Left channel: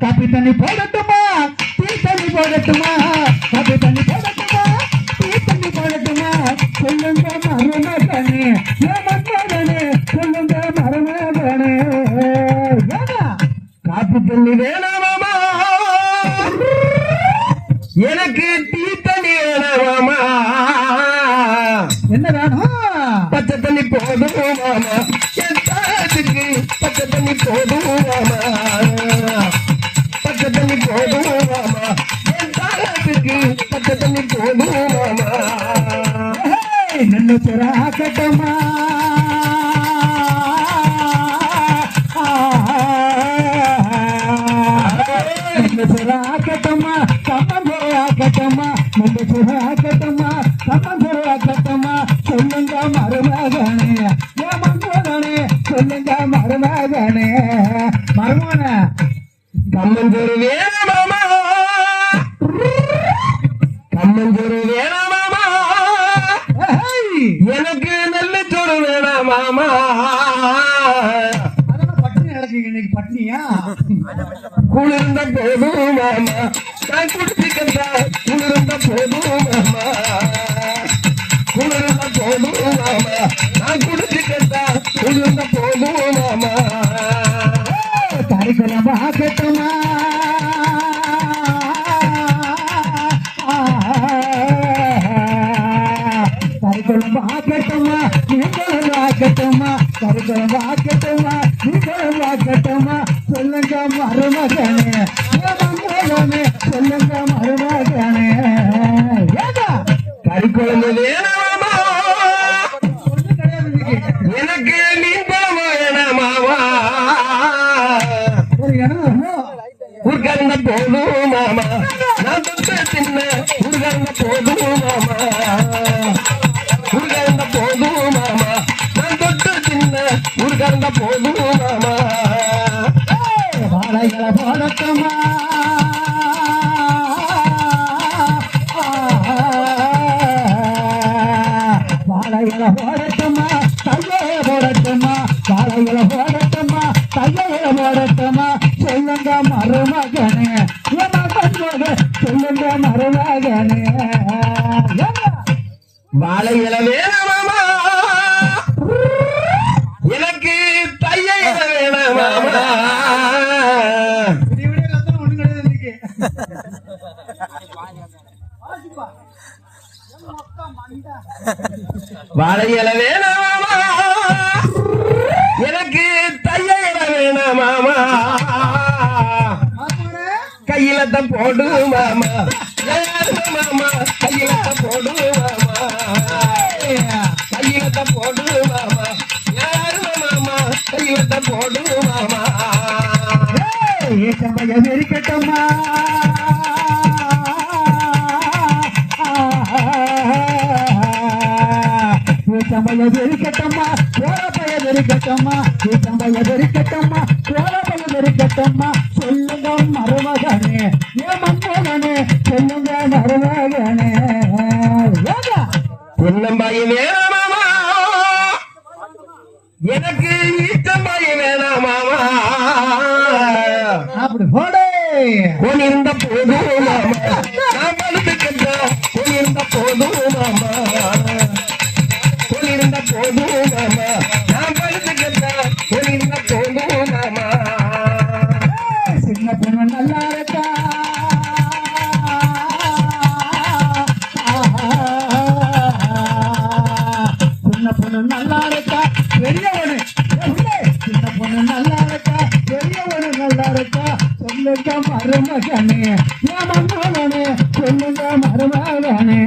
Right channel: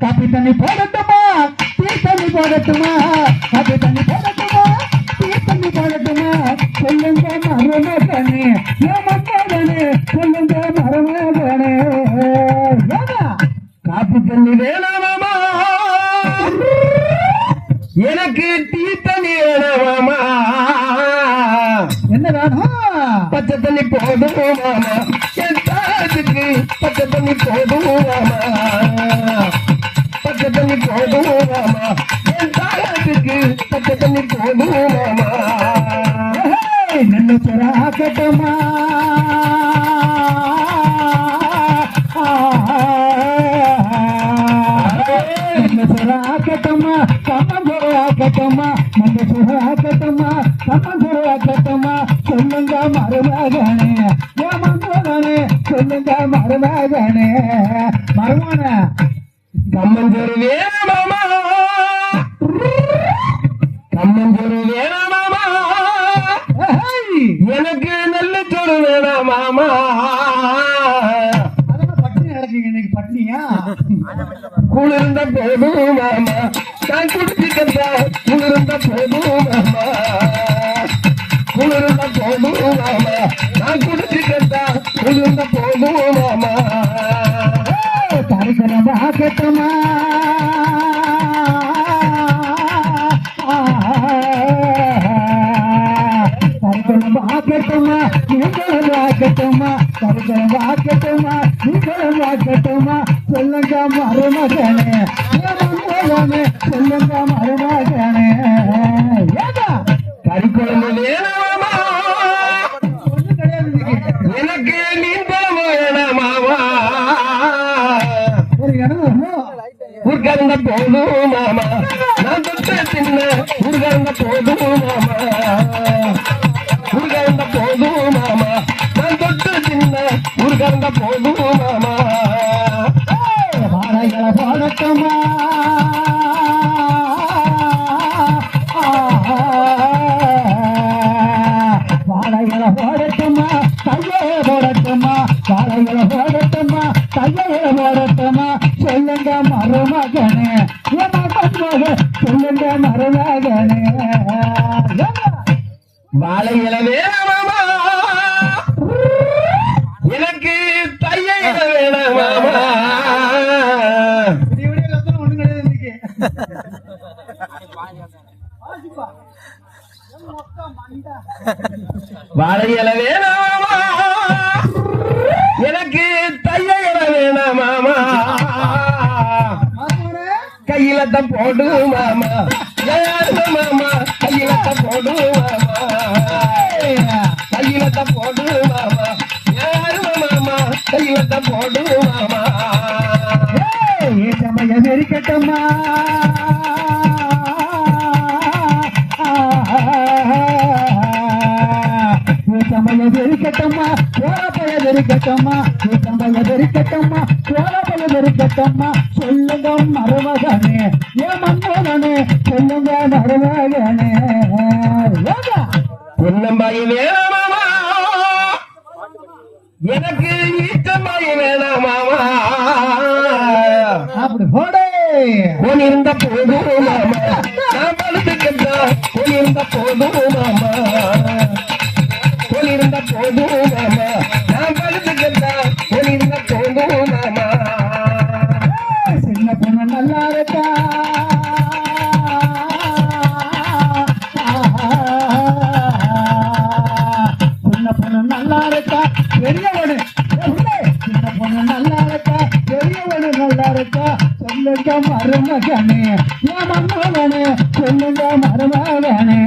copy தண்ணி போடட்டுமா tea தண்ணி போடட்டுமா copy தண்ணி போடட்டுமா டீ தண்ணி போடட்டுமா சொல்லுங்க மருமகனே மருமகனே சொல்லுங்க மருமகனே காப்பி தண்ணி வேணாமா எனக்கு டீ தண்ணி வேணாமா என்ன வேணும் பச்சை தண்ணி போதும் மாமா எத்தாதுக்கு பச்சை தண்ணி போதும் மாமா பச்சை தண்ணி போதும் மாமா எத்தாதுக்கு பச்சை தண்ணி போதும் மாமா நன்னு சொராக்கட்டமா நன்னு சொராக்கட்டமா சமபோராக்கட்டமா நன்னு சொராக்கட்டமா சமபோராக்கட்டமா சொல்லுங்க மருமகனே மருமகனே சொல்லுங்க மருமகனே மருமகனே கம்மஞ்சோறு வேணாமா கம்மஞ்சோறு வேணாமா எனக்கு நல்ல சோறு வேணாமா பட்டினி நடக்குங்க இன்னைக்கு பட்டினியா குளிர்ந்த போதும் மாமா நான் குடிச்சிக்கந்த குளிர்ந்த போதும் மாமா குளிர்ந்த போதும் மாமா நான் குடிச்சிக்கந்த குளிர்ந்த போதும் மாமா கரிசலம் ஆக்கட்டமா கரிசலம் ஆக்கட்டமா நீங்களும் ஆக்கட்டமா கரிசலம் ஆக்கட்டமா நீங்களும் ஆக்கட்டமா சொல்லுங்க மருமகனே மருமகனே சொல்லுங்க மருமகனே கறிக்குழம்பு வேணாமா எனக்கு நீண்ட வேணாமாவா உட்கார்ந்த போதும் மாமா நான் தொட்ட சின்ன உட்கார்ந்த போதும் மாமா உட்கார்ந்த போதும் மாமா நான் தொட்ட சின்ன உட்கார்ந்த போதும் மாமா வாழைகளை போடட்டமா வாழைகளை போடட்டமா கையை போடட்டமா வாழைகளை போடட்டமா கையை போடட்டமா சொல்லுங்க மருமகனே சொல்லுங்க மருமகனே வாழைகளை வேணாமா எனக்கு தையை வேணாமா வாழையில வேணாமா எனக்கு தையில வேணாமா கையில தான் போடு மாமா மாமா கையில தான் போடு மாமா கையில தான் போடு மாமா மாமா கையில தான் போடு மாமா சமயம் இருக்கட்டுமா சமயம் இருக்கட்டம்மா சோழப்பயம் இருக்கட்டம்மா சமயம் இருக்கட்டம்மா சோழப்பயம் இருக்கட்டம்மா சொல்லுங்க மருமகனே மருமகனே சொல்லுங்க மருமகனே பொன்னம்பாய் வேணாமா எனக்கு ஈட்டம்பாய் வேணாமா அப்படி போடே பொன்னிருந்த போதும் மாமா நான் பழுதுக்கின்ற பொன்னிருந்த போதும் மாமா பொன்னிருந்த போதும் மாமா நான் பழுதுக்கின்ற பொன்னிருந்த போதும் மாமா சின்ன பொண்ணு நல்லா இருக்கா சின்ன பொண்ணு நல்லா இருக்கா பெரியவனு சின்ன பொண்ணு நல்லா இருக்கா பெரியவனு நல்லா இருக்கா சொல்லுங்க மருமகனே மருமகனே சொல்லுங்க மருமகனே